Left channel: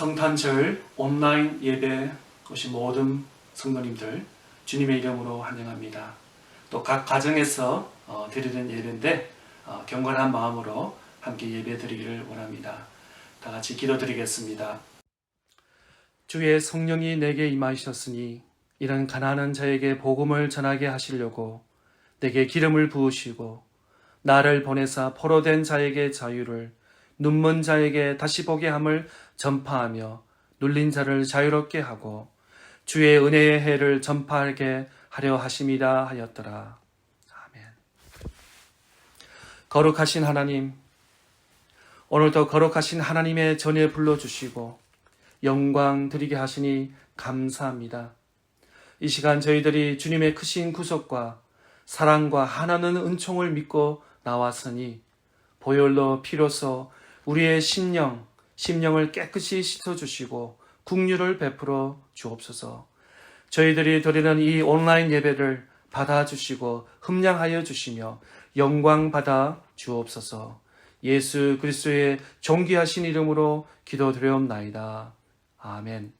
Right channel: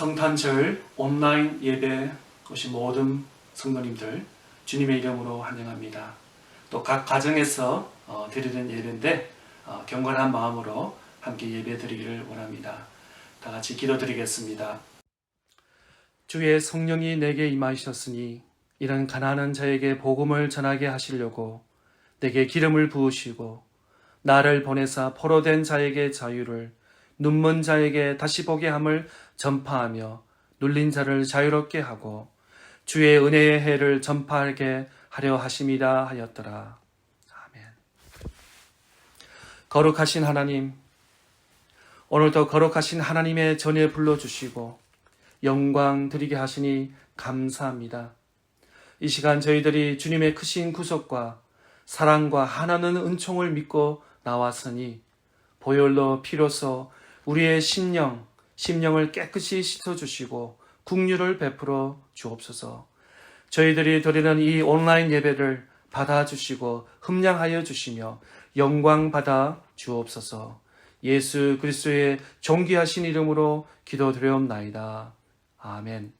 성탄절 온라인 예배 오신 모든 성도님들 주님의 이름으로 환영합니다. 또 각 가정에서 드리는 예배인데 경건한 마음으로 함께 예배 드리기를 원합니다. 다 같이 기도드리겠습니다. 주의 성령이 내게 임하셨으니 이런 가난한 자에게 복음을 전하게 하시려고 내게 기름을 부으시고 나를 보내사 포로된 자에게 자유를, 눈먼 자에게 다시 보게 함을 전파하며 눌린 자를 자유롭게 하고 주의 은혜의 해를 전파하게 하려 하심이라 하였더라. 아멘. 거룩하신 하나님, 오늘도 거룩하신 하나님의 전에 불러주시고 영광 드리게 하시니 감사합니다. 이 시간 저희들이 주님의 크신 구속과 사랑과 하나는 은총을 믿고 나왔으니 보혈로 피로써 우리의 심령을 깨끗이 씻어주시고 긍휼을 베풀어 주옵소서. 저희들이 드리는 이 온라인 예배를 받아주시고 흠량하여 주시며 영광 받아 주옵소서. 예수 그리스도의 존귀하신 이름으로 기도드려옵나이다. 아멘.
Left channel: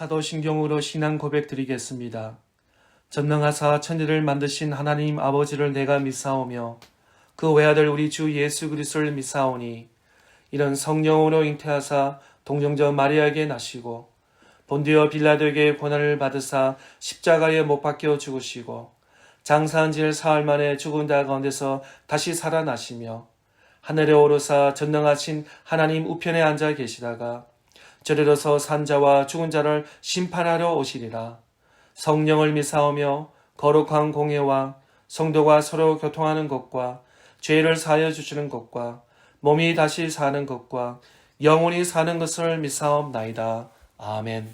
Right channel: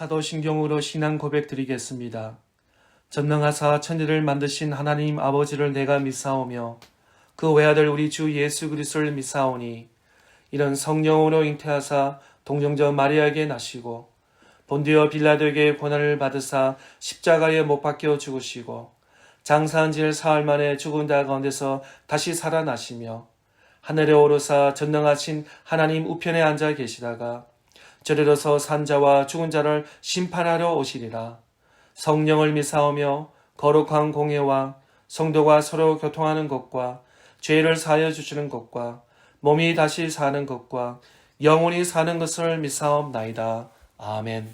사도신경으로 신앙 고백 드리겠습니다. 전능하사 천지를 만드신 하나님 아버지를 내가 믿사오며 그 외아들 우리 주 예수 그리스도를 믿사오니 이런 성령으로 잉태하사 동정저 마리아에게 나시고 본디오 빌라도에게 고난을 받으사 십자가에 못 박혀 죽으시고 장사한 지 사흘 만에 죽은 자 가운데서 다시 살아나시며 하늘에 오르사 전능하신 하나님 우편에 앉아 계시다가 저리로서 산자와 죽은 자를 심판하러 오시리라. 성령을 믿사오며 거룩한 공예와 성도가 서로 교통하는 것과 죄를 사하여 주시는 것과 몸이 다시 사는 것과 영원히 사는 것을 믿사옵나이다. 아멘.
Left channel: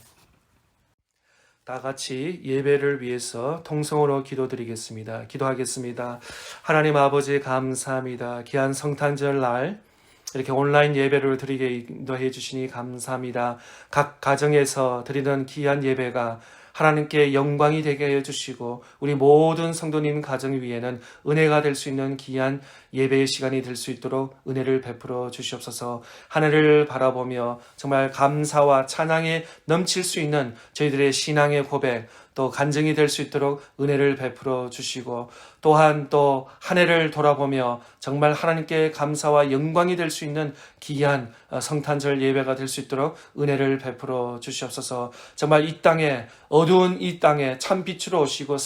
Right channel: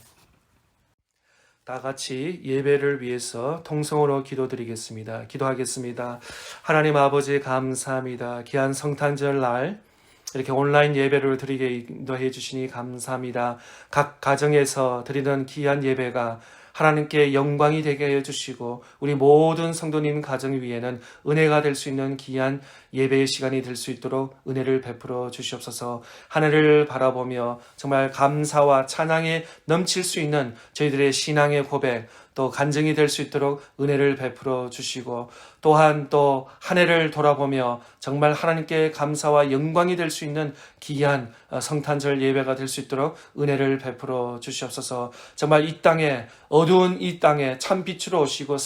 다 같이 예배를 위해서 통성으로 기도드리겠습니다. 기도하겠습니다. 하나님 아버지 감사합니다. 귀한 성탄절 날 이렇게 온라인 예배를 드리게 인도해 주시니 감사합니다. 각 가정에서 드리는 귀한 예배가 하나님께 영광이 되게 하여 주시고 우리 모든 성도님 가정 위에는 은혜가 될 수 있는 귀한 예배의 시간이 될 수 있도록 은혜를 베풀어 주시옵소서. 하늘을 바라보며 정말 감사와 찬양에 넘칠 수 있는 저희들의 신앙의 고백, 또 간증이 될 수 있도록 은혜를 베풀어 주시고, 또한 또 한 해를 돌아보며 정말 하나님께 감사와 영광이 될 수 있는 귀한 성탄절 예배가 될 수 있도록 은혜를 베풀어 주시옵소서. 정말 이 땅에, 어두운 이 땅에 참 빛으로 오시고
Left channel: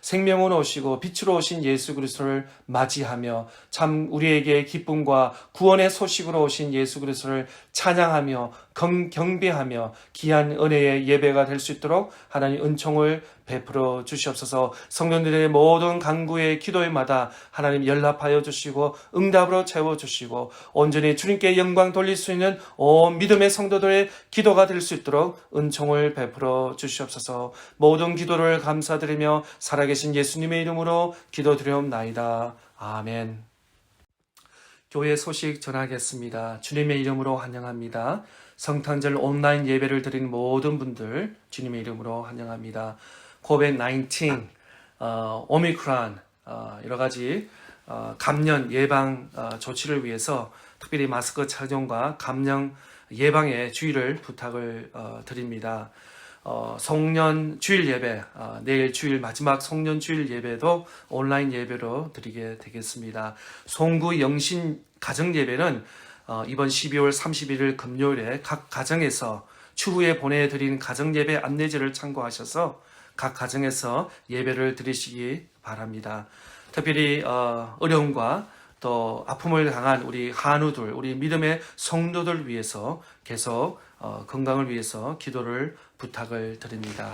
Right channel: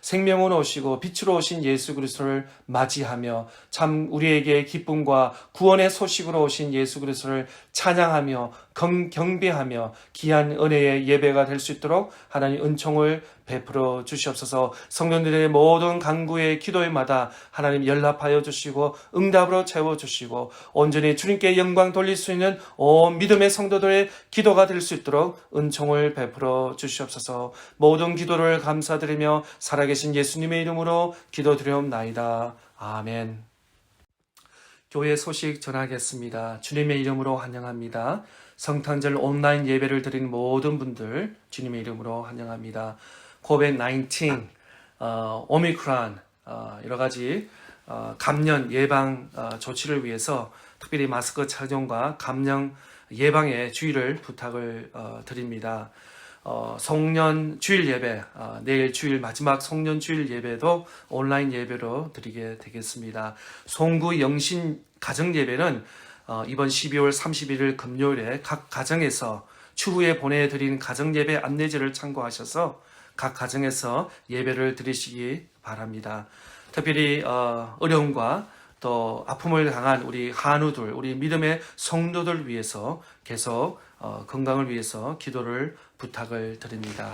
생명으로 오시고 빛으로 오신 예수 그리스도를 맞이하며 참 우리에게 기쁨과 구원의 소식으로 오신 예수 그리스도를 찬양하며 경배하며 귀한 은혜의 예배가 될 수 있도록 하나님 은총을 베풀어 주시옵소서. 성도들의 모든 간구의 기도에마다 하나님 연락하여 주시고 응답으로 채워주시고 온전히 주님께 영광 돌릴 수 있는 온 믿음의 성도들의 기도가 될 수 있도록 은총을 베풀어 주시옵소서. 모든 기도를 감사드리며 살아계신 예수님의 이름으로 기도드리옵나이다. 아멘. 교회 소식 전하겠습니다. 주님의 이름으로 환영합니다. 성탄절 온라인 예배를 드리는 모든 분들 주님의 이름으로 환영합니다. COVID-19, 오미크론, 여러 가지 감염 예방 조치를 위해서 특별히 마스크 착용과 감염 예방에 주의를 부탁을 드립니다. 송년 주일 예배, 내일 주일 마지막 송년 주일 예배도 온라인 예배로 드리게 되겠습니다. 송구 영신 가정 예배는 이번 12월 31일 금요일에 각 가정에서 추후에 보내드린 가정 예배 안내지를 참고하셔서 각 가정에서 예배를 드리시기 바랍니다. 특별히 어려움과 또 아픔을 당한 우리 한우들, 우리 믿음의 성도들 위해서 계속 건강을 위해서 기도를 부탁을 드립니다.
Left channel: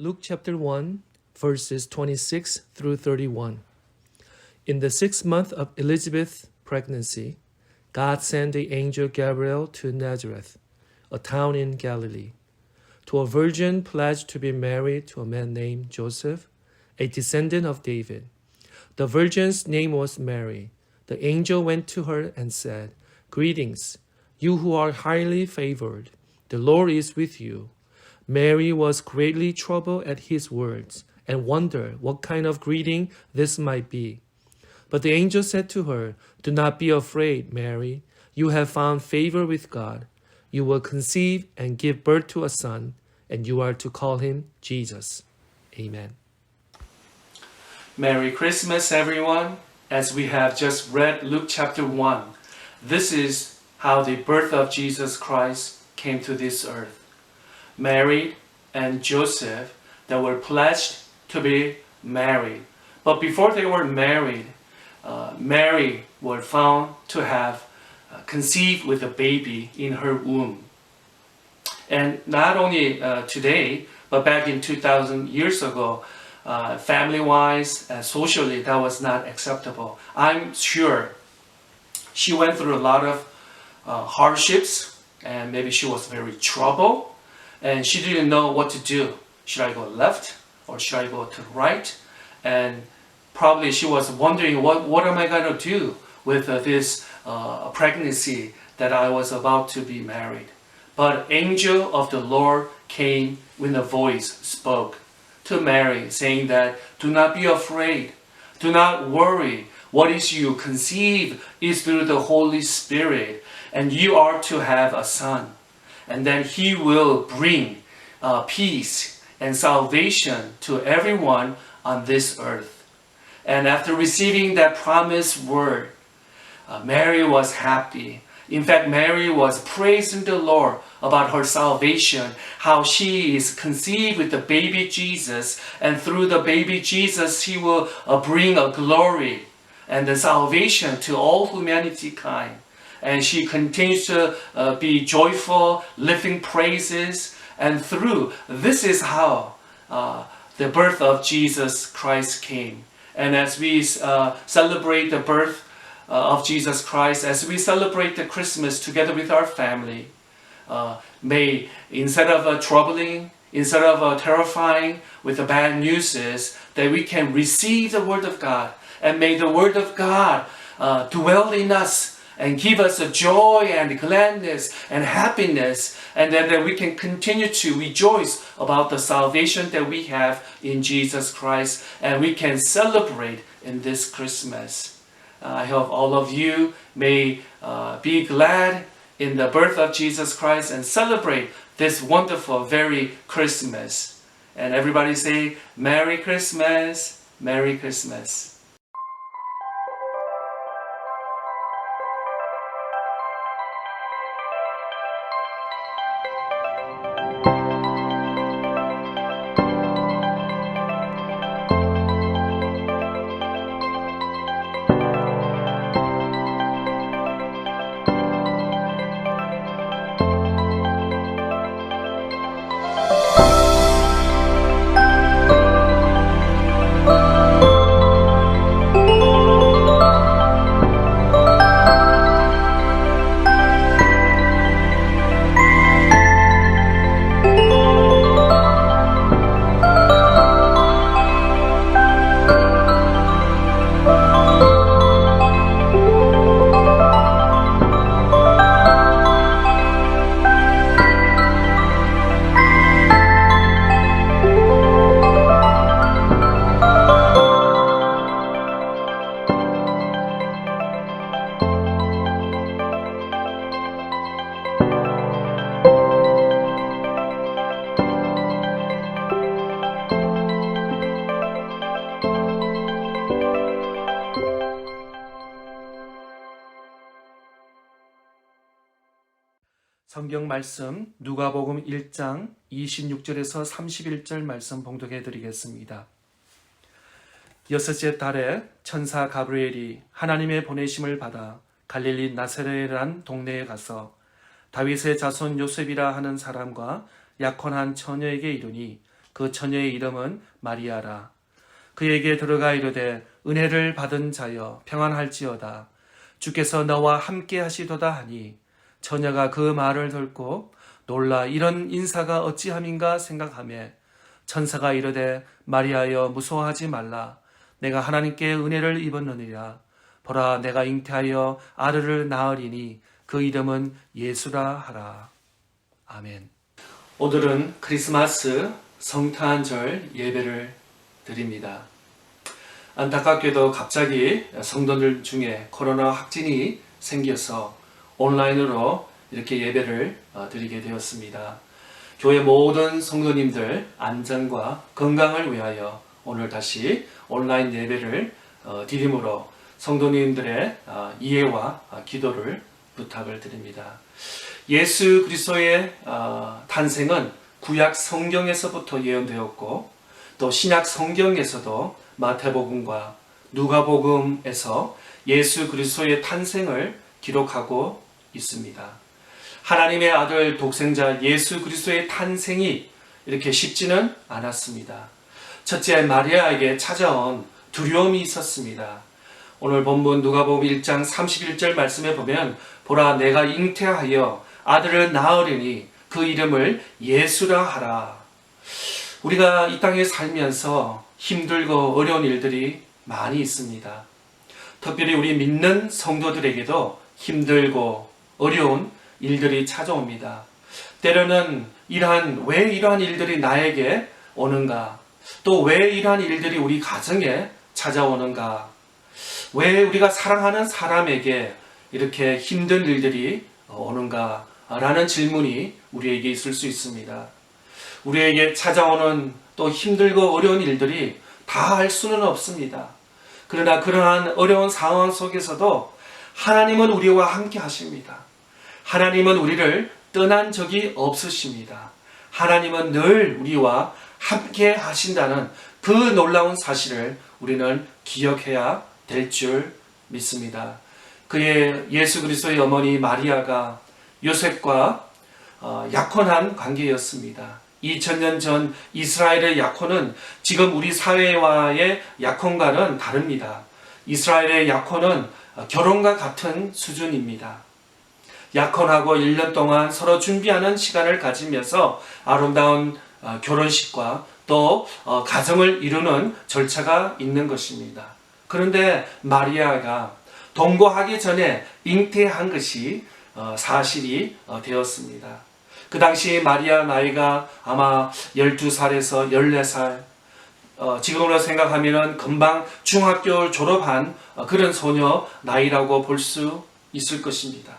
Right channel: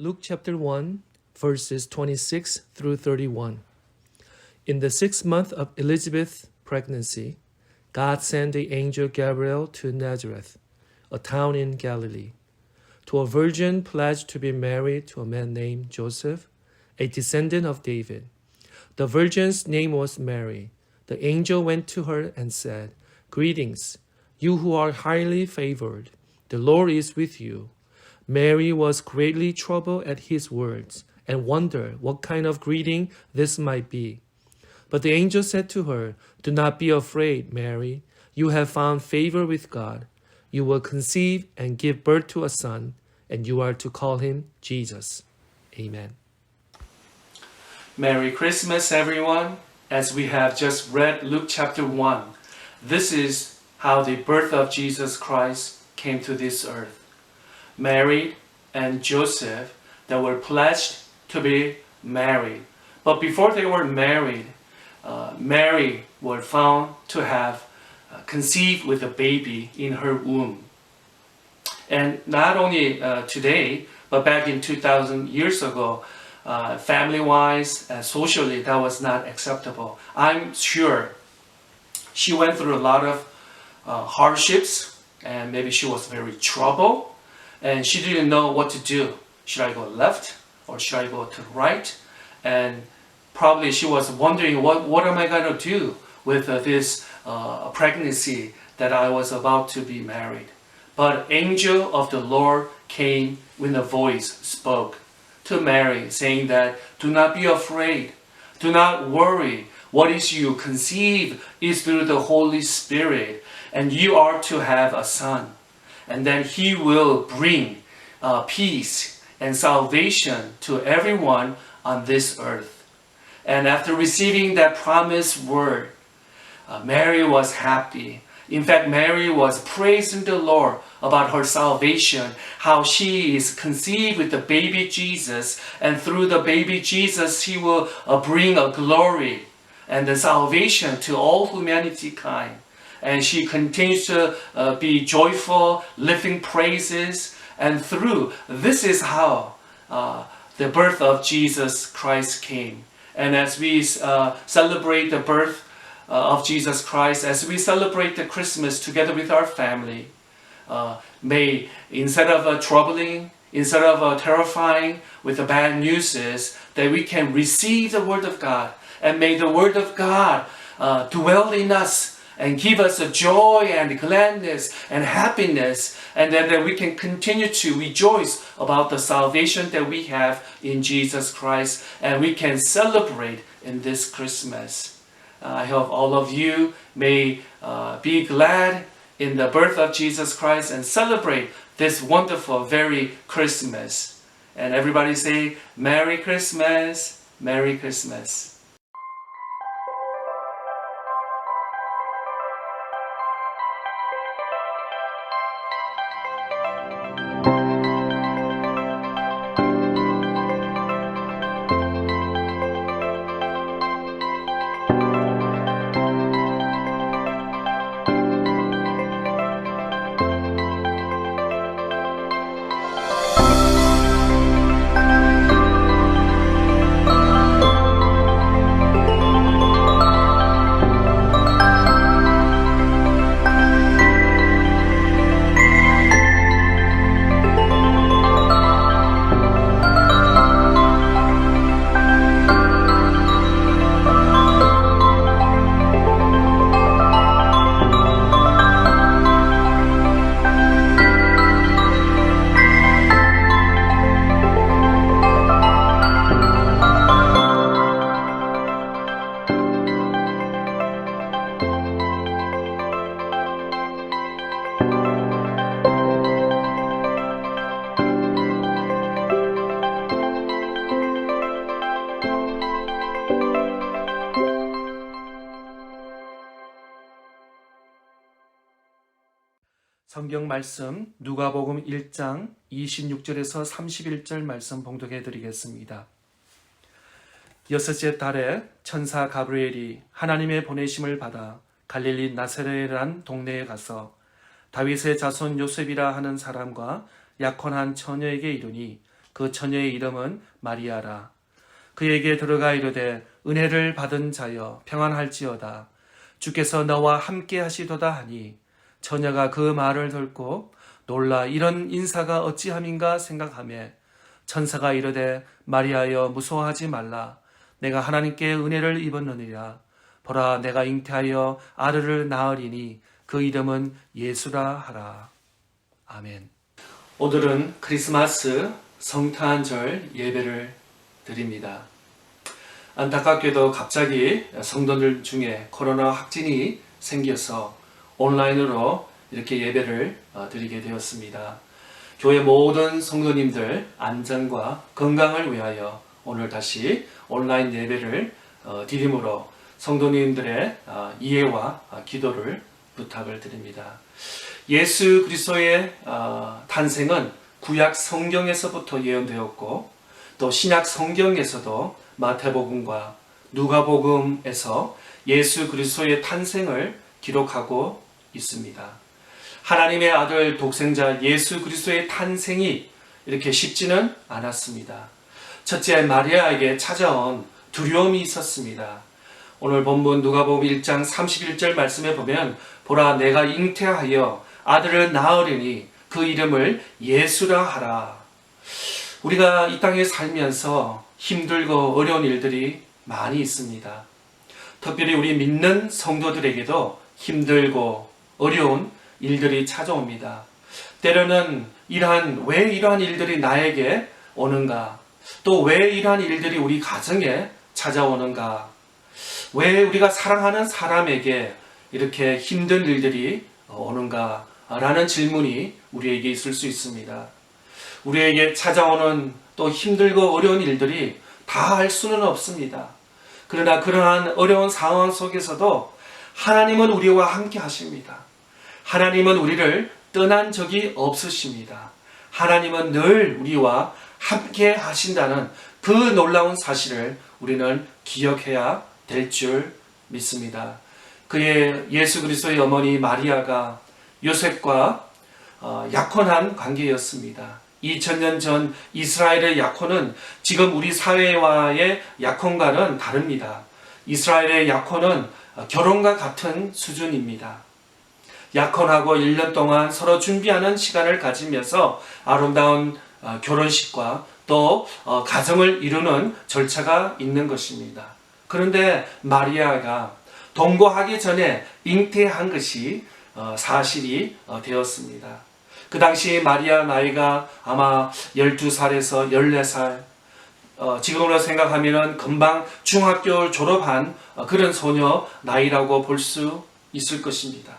Luke chapter 1, verses 26 through 31. In the 6th month of Elizabeth's pregnancy, God sent the angel Gabriel to Nazareth, a town in Galilee, to a virgin pledged to be married to a man named Joseph, a descendant of David. The virgin's name was Mary. The angel went to her and said, "Greetings, you who are highly favored. The Lord is with you." Mary was greatly troubled at his words and wondered what kind of greeting this might be. But the angel said to her, "Do not be afraid, Mary. You have found favor with God. You will conceive and give birth to a son, and you are to call him Jesus." Amen. Merry Christmas, everyone. As we have just read Luke chapter 1, this is how the birth of Jesus Christ came to this earth. Mary and Joseph, they were pledged to be married. But before they were married, Mary was found to have conceived with a baby in her womb. And not only today, but back in 2,000 years ago, family-wise and socially, that was not acceptable. I'm sure she went through a lot of hardships, and maybe she was very troubled, and she didn't know what to do. Should I go left or should I go to the right? And probably she was wondering, what am I going to do with this pregnancy that I was about to be married? But angel of the Lord came when a voice spoke to Mary, saying that, "Do not be afraid. Do not worry. What is you conceive is through the Holy Spirit, and you are to have a son. And then he will bring peace and salvation to everyone on this earth." And after receiving that promised word, Mary was happy. In fact, Mary was praising the Lord about her salvation, how she is conceived with the baby Jesus, and through the baby Jesus, he will bring a glory and the salvation to all humanity kind. And she continues to be joyful, lifting praises, and through this is how the birth of Jesus Christ came. And as we celebrate the birth of Jesus Christ, as we celebrate the Christmas together with our family, may instead of troubling, instead of terrifying with the bad news, that we can receive the Word of God, and may the Word of God dwell in us and give us a joy and gladness and happiness, and that we can continue to rejoice about the salvation that we have in Jesus Christ, and we can celebrate in this Christmas. I hope all of you may be glad in the birth of Jesus Christ and celebrate this wonderful, very Christmas. And everybody say, "Merry Christmas, Merry Christmas." 성경 말씀 누가복음 1장 26절에서 31절 말씀 봉독해 드리겠습니다. 여섯째 달에 천사 가브리엘이 하나님의 보내심을 받아 갈릴리 나사렛이란 동네에 가서 다윗의 자손 요셉이라 하는 사람과 약혼한 처녀에게 이르니 그 처녀의 이름은 마리아라. 그에게 들어가 이르되 은혜를 받은 자여 평안할지어다. 주께서 너와 함께 하시도다 하니 처녀가 그 말을 듣고 놀라 이런 인사가 어찌함인가 생각하며 천사가 이르되 마리아여 무서워하지 말라. 내가 하나님께 은혜를 입었느니라. 보라 내가 잉태하여 아들을 낳으리니 그 이름은 예수라 하라. 아멘. 오늘은 크리스마스 성탄절 예배를 드립니다. 안타깝게도 갑자기 성도들 중에 코로나 확진이 생겨서 온라인으로 이렇게 예배를 드리게 되었습니다. 교회 모든 성도님들 안전과 건강을 위하여 오늘 다시 온라인 예배를 드림으로 성도님들의 이해와 기도를 부탁을 드립니다. 예수 그리스도의 탄생은 구약 성경에서부터 예언되었고 또 신약 성경에서도 마태복음과 누가복음에서 예수 그리스도의 탄생을 기록하고 있습니다. 하나님의 아들 독생자 예수 그리스도의 탄생이 이렇게 쉽지는 않았습니다. 첫째 마리아에게 찾아온 두려움이 있었습니다. 오늘 본문 누가복음 1장 31절 말씀에 보면 보라 내가 잉태하여 아들을 낳으리니 그 이름을 예수라 하라. 우리가 이 땅에 살면서 힘들고 어려운 일들이 많이 있습니다. 특별히 우리 믿는 성도들에게도 힘들고 어려운 일들이 찾아옵니다. 때로는 왜 이러한 일들이 나에게 오는가? 또 왜 이러한 일들이 우리 가정에 찾아오는가? 왜 우리가 사랑하는 사람에게 이렇게 힘든 일들이 오는가? 라는 질문이 우리에게 있을 수 있습니다. 우리에게 찾아오는 또 힘들고 어려운 일들이 다 알 수는 없습니다. 그러나 그러한 어려운 상황 속에서도 하나님은 우리와 함께 하십니다. 하나님은 우리를 떠난 적이 없으십니다. 하나님은 늘 우리와 함께 하신다는 그 놀라운 사실을 우리는 기억해야 될 줄 믿습니다. 그의 예수 그리스도의 어머니 마리아가 요셉과 약혼한 관계였습니다. 2000년 전 이스라엘의 약혼은 지금 우리 사회와의 약혼과는 다릅니다. 이스라엘의 약혼은 결혼과 같은 수준입니다. 약혼하고 1년 동안 서로 준비하는 시간을 가지면서 아름다운 결혼식과 또 가정을 이루는 절차가 있는 것입니다. 그런데 마리아가 동거하기 전에 잉태한 것이 사실이 되었습니다. 그 당시 마리아 나이가 아마 12살에서 14살, 지금으로 생각하면 금방 중학교 졸업한 그런 소녀 나이라고 볼 수 있을 것입니다.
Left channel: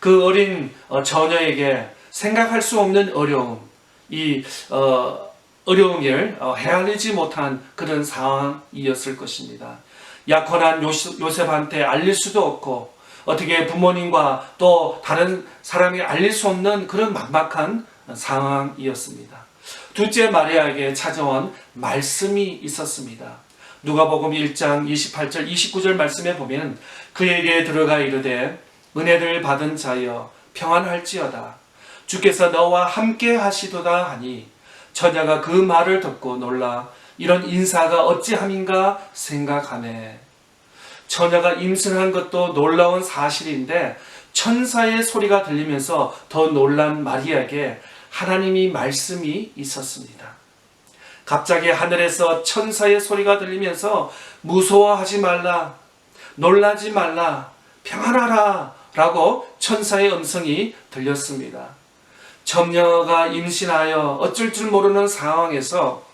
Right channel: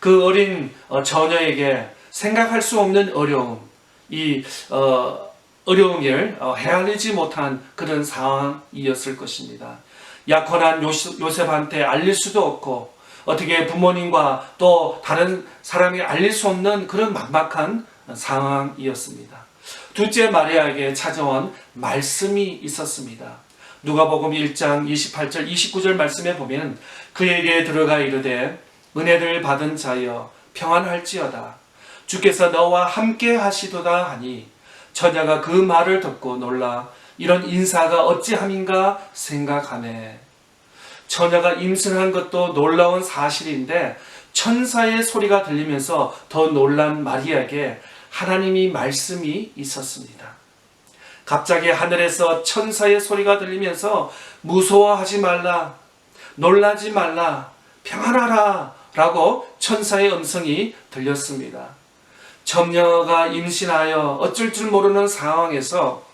그 어린 처녀에게 생각할 수 없는 어려움, 이 어려움을 헤아리지 못한 그런 상황이었을 것입니다. 약혼한 요셉한테 알릴 수도 없고 어떻게 부모님과 또 다른 사람이 알릴 수 없는 그런 막막한 상황이었습니다. 둘째 마리아에게 찾아온 말씀이 있었습니다. 누가복음 1장 28절 29절 말씀에 보면 그에게 들어가 이르되 은혜를 받은 자여 평안할지어다. 주께서 너와 함께 하시도다 하니 처녀가 그 말을 듣고 놀라 이런 인사가 어찌함인가 생각하네. 처녀가 임신한 것도 놀라운 사실인데 천사의 소리가 들리면서 더 놀란 마리아에게 하나님이 말씀이 있었습니다. 갑자기 하늘에서 천사의 소리가 들리면서 무서워하지 말라, 놀라지 말라, 평안하라 라고 천사의 음성이 들렸습니다. 처녀가 임신하여 어쩔 줄 모르는 상황에서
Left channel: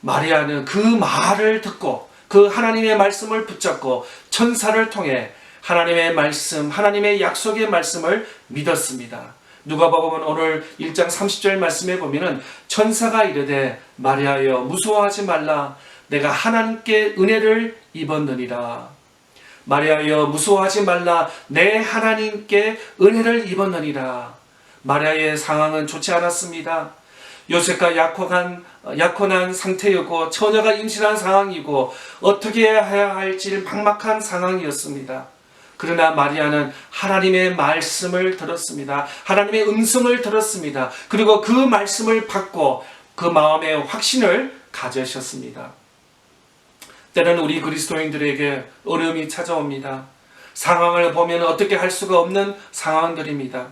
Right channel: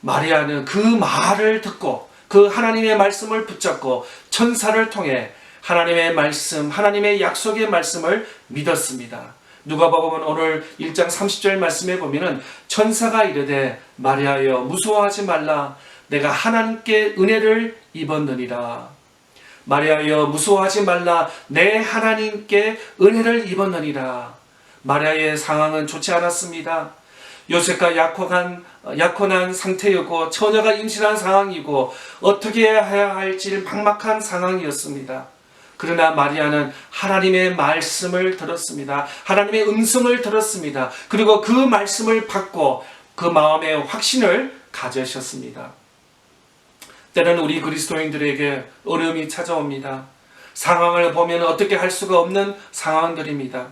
마리아는 그 말을 듣고 그 하나님의 말씀을 붙잡고 천사를 통해 하나님의 말씀, 하나님의 약속의 말씀을 믿었습니다. 누가복음은 오늘 1장 30절 말씀에 보면은 천사가 이르되 마리아여 무서워하지 말라 내가 하나님께 은혜를 입었느니라. 마리아여 무서워하지 말라 내 하나님께 은혜를 입었느니라. 마리아의 상황은 좋지 않았습니다. 요셉과 약혼한 상태였고 처녀가 임신한 상황이고 어떻게 해야 할지 막막한 상황이었습니다. 그러나 마리아는 하나님의 말씀을 들었습니다. 하나님의 음성을 들었습니다. 그리고 그 말씀을 받고 그 마음의 확신을 가지셨습니다. 때로는 우리 그리스도인들에게 어려움이 찾아옵니다. 상황을 보면 어떻게 할 수가 없는 상황들입니다.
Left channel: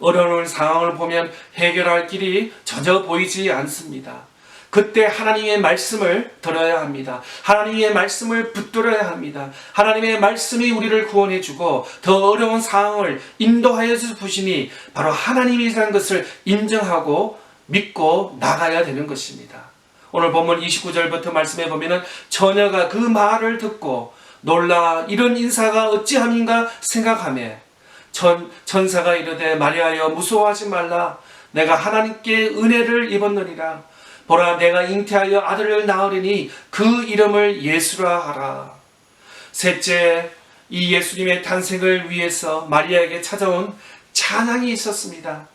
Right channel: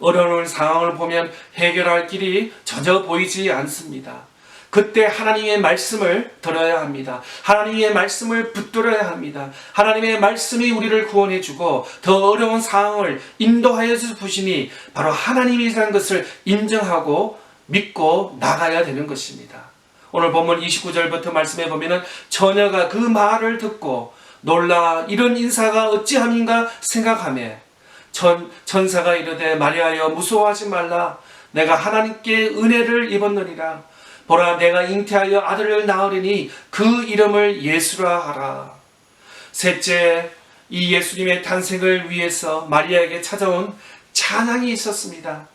어려운 상황을 보면 해결할 길이 전혀 보이지 않습니다. 그때 하나님의 말씀을 들어야 합니다. 하나님의 말씀을 붙들어야 합니다. 하나님의 말씀이 우리를 구원해주고 더 어려운 상황을 인도하여 주시니 바로 하나님이라는 것을 인정하고 믿고 나가야 되는 것입니다. 오늘 본문 29절부터 말씀해 보면 처녀가 그 말을 듣고 놀라 이런 인사가 어찌함인가 생각하며 천사가 이르되 마리아여 무서워하지 말라. 내가 하나님께 은혜를 입었느니라. 보라 내가 잉태하여 아들을 낳으리니 그 이름을 예수라 하라. 셋째, 이 예수님의 탄생을 위해서 마리아에게 찾아온 찬양이 있었습니다.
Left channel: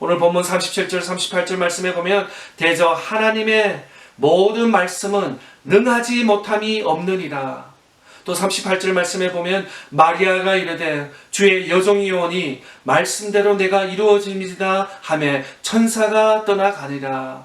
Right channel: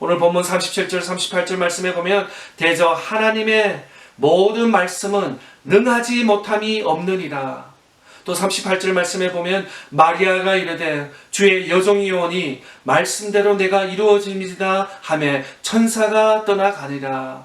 오늘 본문 37절 38절 말씀에 보면 대저 하나님의 모든 말씀은 능하지 못함이 없느니라. 또 38절 말씀에 보면 마리아가 이르되 주의 여종이오니 말씀대로 내가 이루어짐이다 하며 천사가 떠나가니라.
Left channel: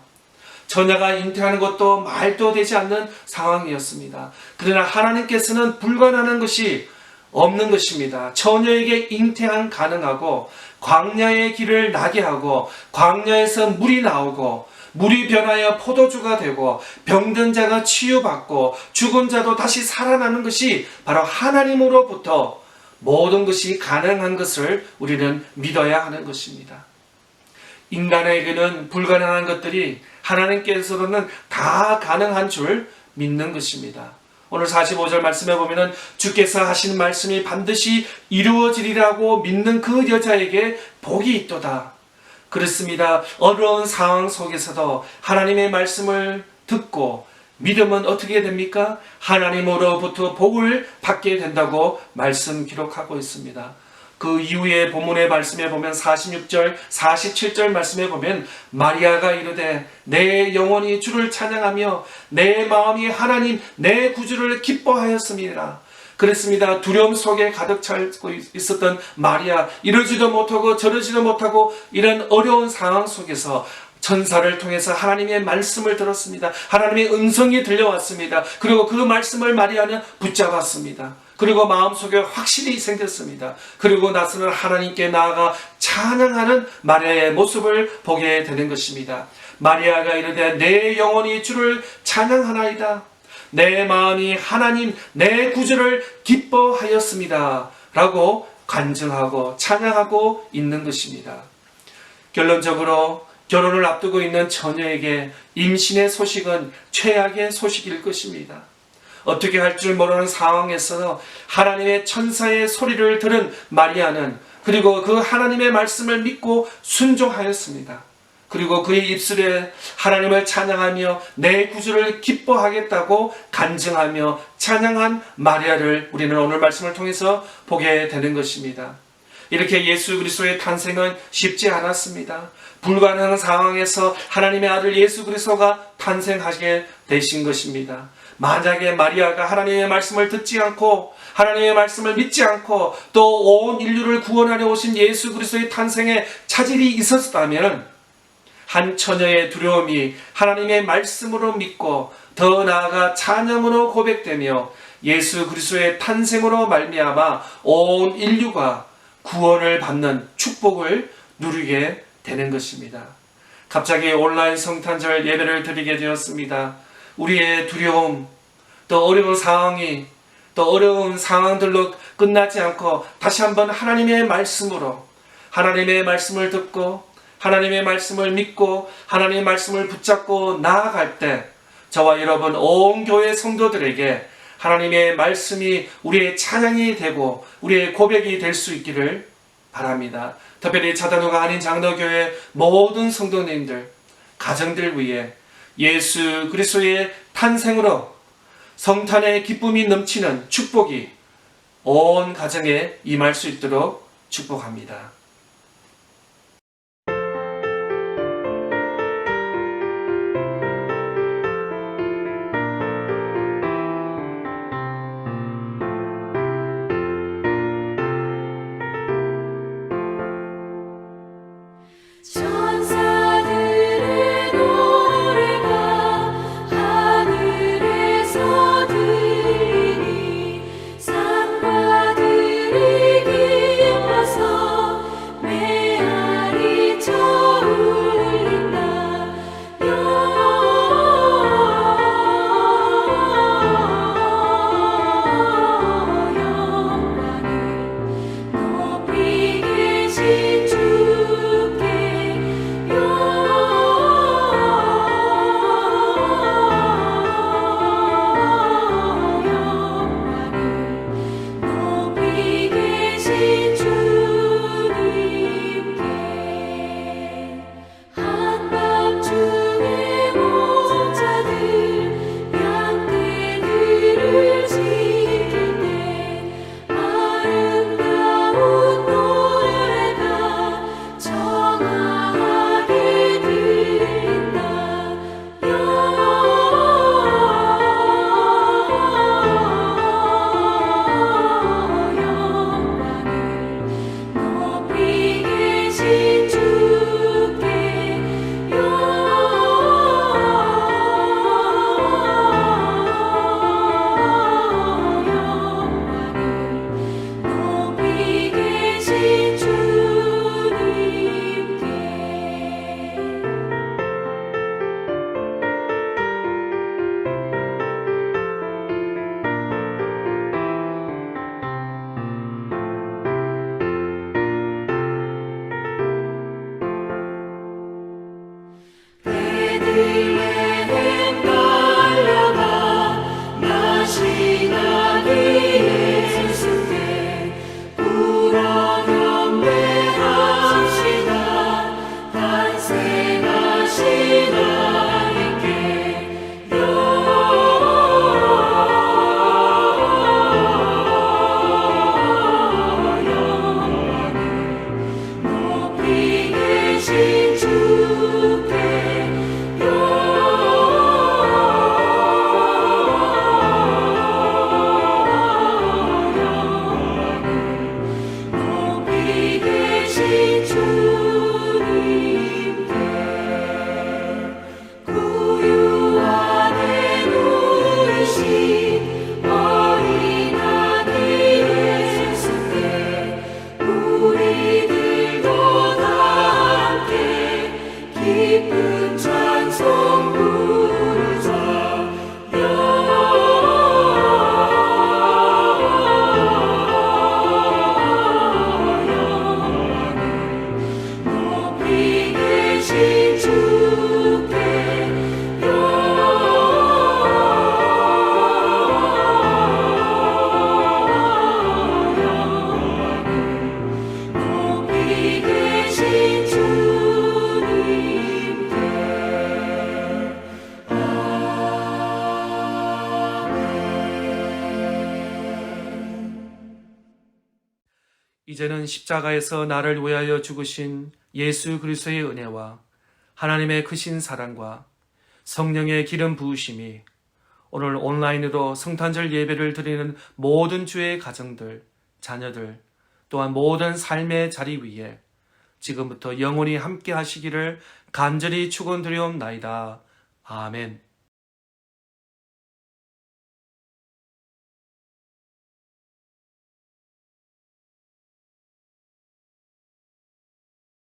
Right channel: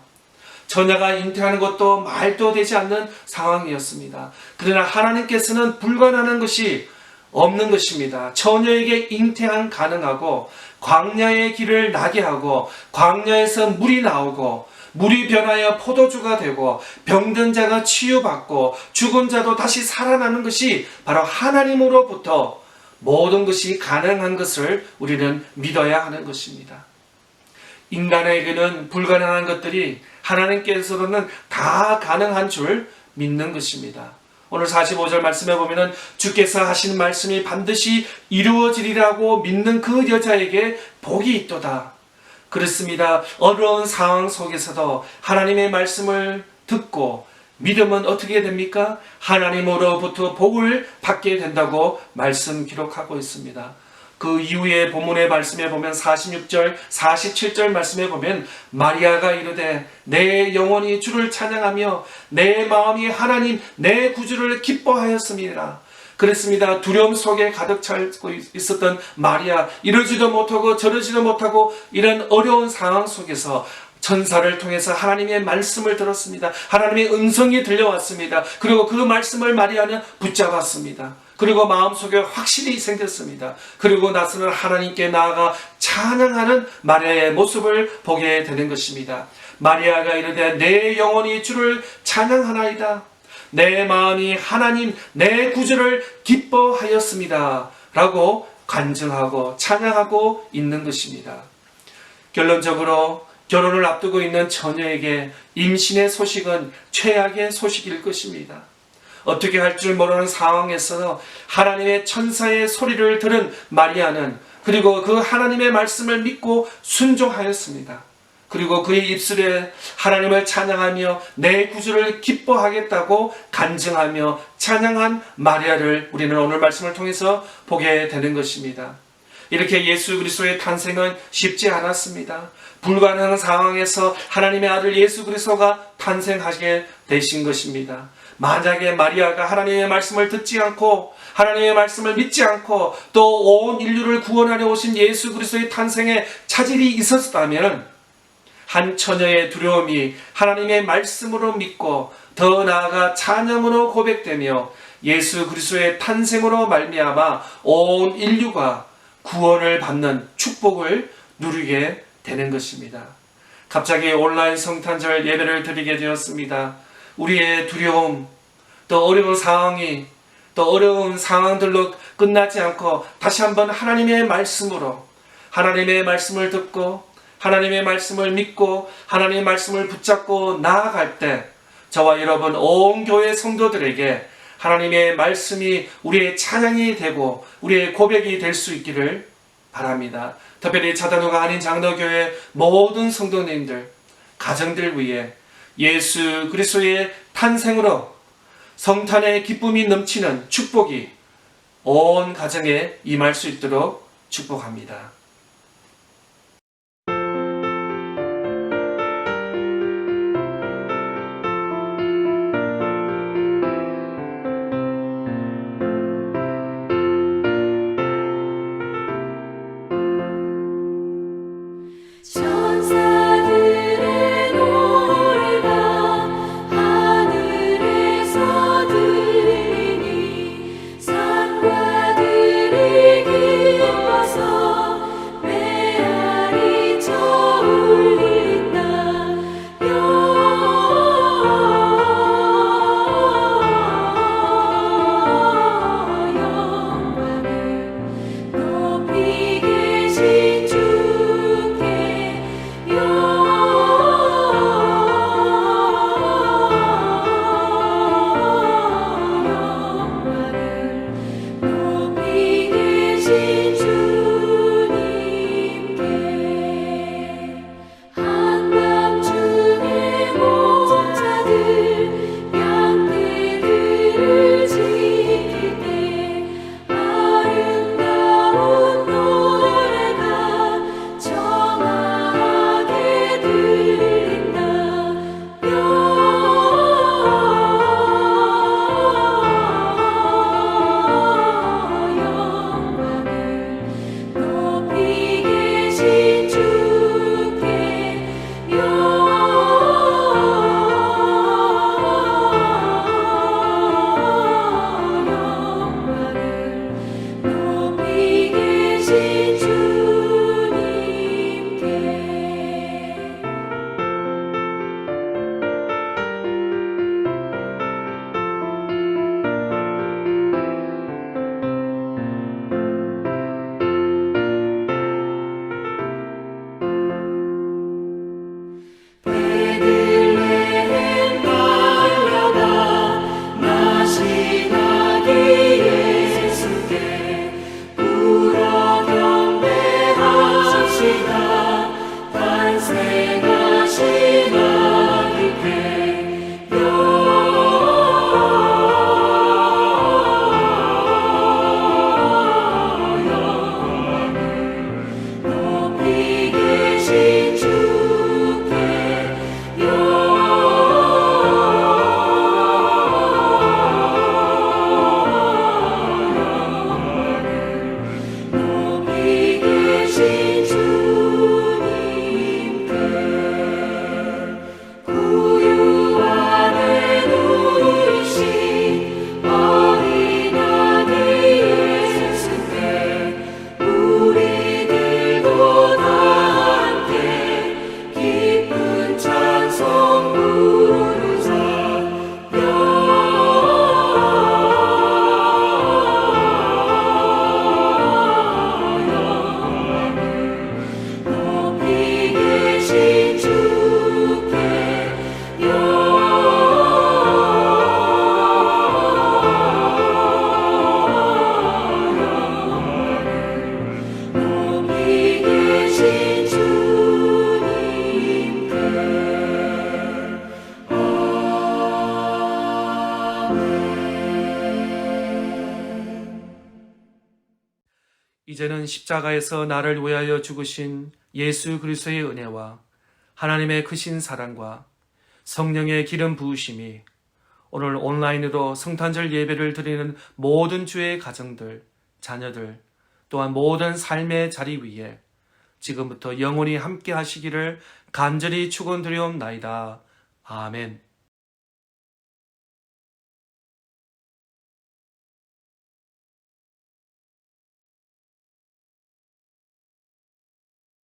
처녀가 잉태하는 것도 말도 되지 않는 상황이었습니다. 그러나 하나님께서는 불가능한 것이 없는 것입니다. 처녀에게 잉태한 가능하고 광야의 길을 나게 하고 광야에서 물이 나오고 물이 변하여 포도주가 되고 병든 자가 치유받고 죽은 자도 다시 살아나는 것이 바로 하나님으로부터 모든 것이 가능한 것을 우리는 믿어야 하는 것입니다. 인간에게는 불가능한 것들이 하나님께서는 다 가능한 줄 믿는 것입니다. 오늘 45절 말씀에 보면 주께서 하신 말씀이 반드시 이루어지리라고 믿는 그 여자에게 복이 있도다. 그렇습니다. 어려운 상황 속에서도 하나님의 말씀을 듣고 믿으면 어떻게 됩니까? 하나님으로부터 복을 받게 된다고 말씀 기록하고 있습니다. 그 이후에 본문의 말씀에 보면 46절, 47절 말씀에 보면 마리아가 이르되 내 영혼이 주를 찬양하며 내 마음이 하나님 내 구주를 기뻐하였습니다. 그랬습니다. 두려움 속에 가득 차고 있었던 마리아, 이러지도 못하고 저러지도 못하고 이런 어려운 상황 속에서 천사를 통해서 하나님의 말씀을 들었습니다. 하나님의 음성이 들려왔습니다. 그리고 그 말씀을 마리아는 붙잡았습니다. 그리고 마음속에 확신이 생겼습니다. 그리고 나서는 하나님께 나아가 찬양하는 마리아의 모습을 보게 되는 것입니다. 마리아가 이르되 내 영혼이 주를 찬양하나이다. 내 마음이 하나님 내 구주를 기뻐하였습니다. 라고 간증하고 찬양하고 있는 것입니다. 결론적으로 결혼을 앞두고 있는 처녀에게 임신의 소식은 최악의 소식일 것입니다. 어떻게 할 줄 모르는 상황에서 하나님의 천사의 소리를 들은 마리아는 그리고 그 하나님의 말씀을 믿고 순종하였습니다. 그리고 그의 입술에 하나님을 찬양하며 내 구주를 기뻐하겠다고 간증하며 찬양한 마리아를 우리는 오늘 말씀을 통해서 보게 되는 것입니다. 이렇게 예수 그리스도의 탄생은 쉽지 않았습니다. 불가능한 상황에서 하나님의 아들 예수 그리스도가 탄생하게 되신 것입니다. 만약에 마리아가 하나님의 말씀을 듣지 않고 하나님의 말씀을 믿지 않고 또 온 인류를 구원하려 오신 예수 그리스도의 탄생에 차질이 있었다면 한 처녀의 두려움이 하나님의 말씀으로 믿고 더 나아가 찬양으로 고백되며 예수 그리스도의 탄생으로 말미암아 온 인류가 구원을 받는 축복을 누리게 되는 것입니다. 갑자기 온라인 성탄절 예배를 드리게 되었습니다. 우리의 두려움, 또 어려운 상황이 또 어려운 상황들로 끝나지 않고 다시 한번 하나님의 말씀으로 하나님의 말씀을 듣고 하나님의 말씀을 믿고 하나님의 말씀을 붙잡고 나아갈 때 저와 여러분 온 교회 성도들에게 하나님의 말씀이 우리의 찬양이 되고 우리의 고백이 될 수 있기를 바랍니다. 특별히 자단우가 아닌 장로교회 모든 성도님들, 가정들 위해 예수 그리스도의 탄생으로 성탄의 기쁨이 넘치는 축복이 온 가정에 임할 수 있도록 축복합니다. 천사들의 노래가 하늘에서 들리니 산과 들이 기뻐서 메아리 쳐 울린다. 영광을 높이 계신 주께 영광을 높이 계신 주님께 한밤중에 목자들 양떼들을 지킬 때 아름다운 노래가 청아하게 들린다. 영광을 높이 계신 주께 영광을 높이 계신 주님께 베들레헴 달려가 나시나기 예수께 울어 경배합시다. 탄생하신 아기께 영광을 높이 계신 주께 영광을 높이 계신 주님께 구유 안에 누리신 어린 아기 예수께 우리들도 다 함께 기쁜 찬송 부르자. 영광을 높이 계신 주께 영광을 높이 계신 주님께 이제는 십자가에서 나를 위하여 죽으신 예수 그리스도의 은혜와 하나님의 크신 사랑과 성령의 기름 부으심이 오늘 온라인으로 성탄절 예배를 드리는 모든 주의 가정들, 자녀들, 또한 모든 삶의 자리 위에 지금부터 영원히 함께 하시기를 간절히 축원드리옵나이다. 아멘.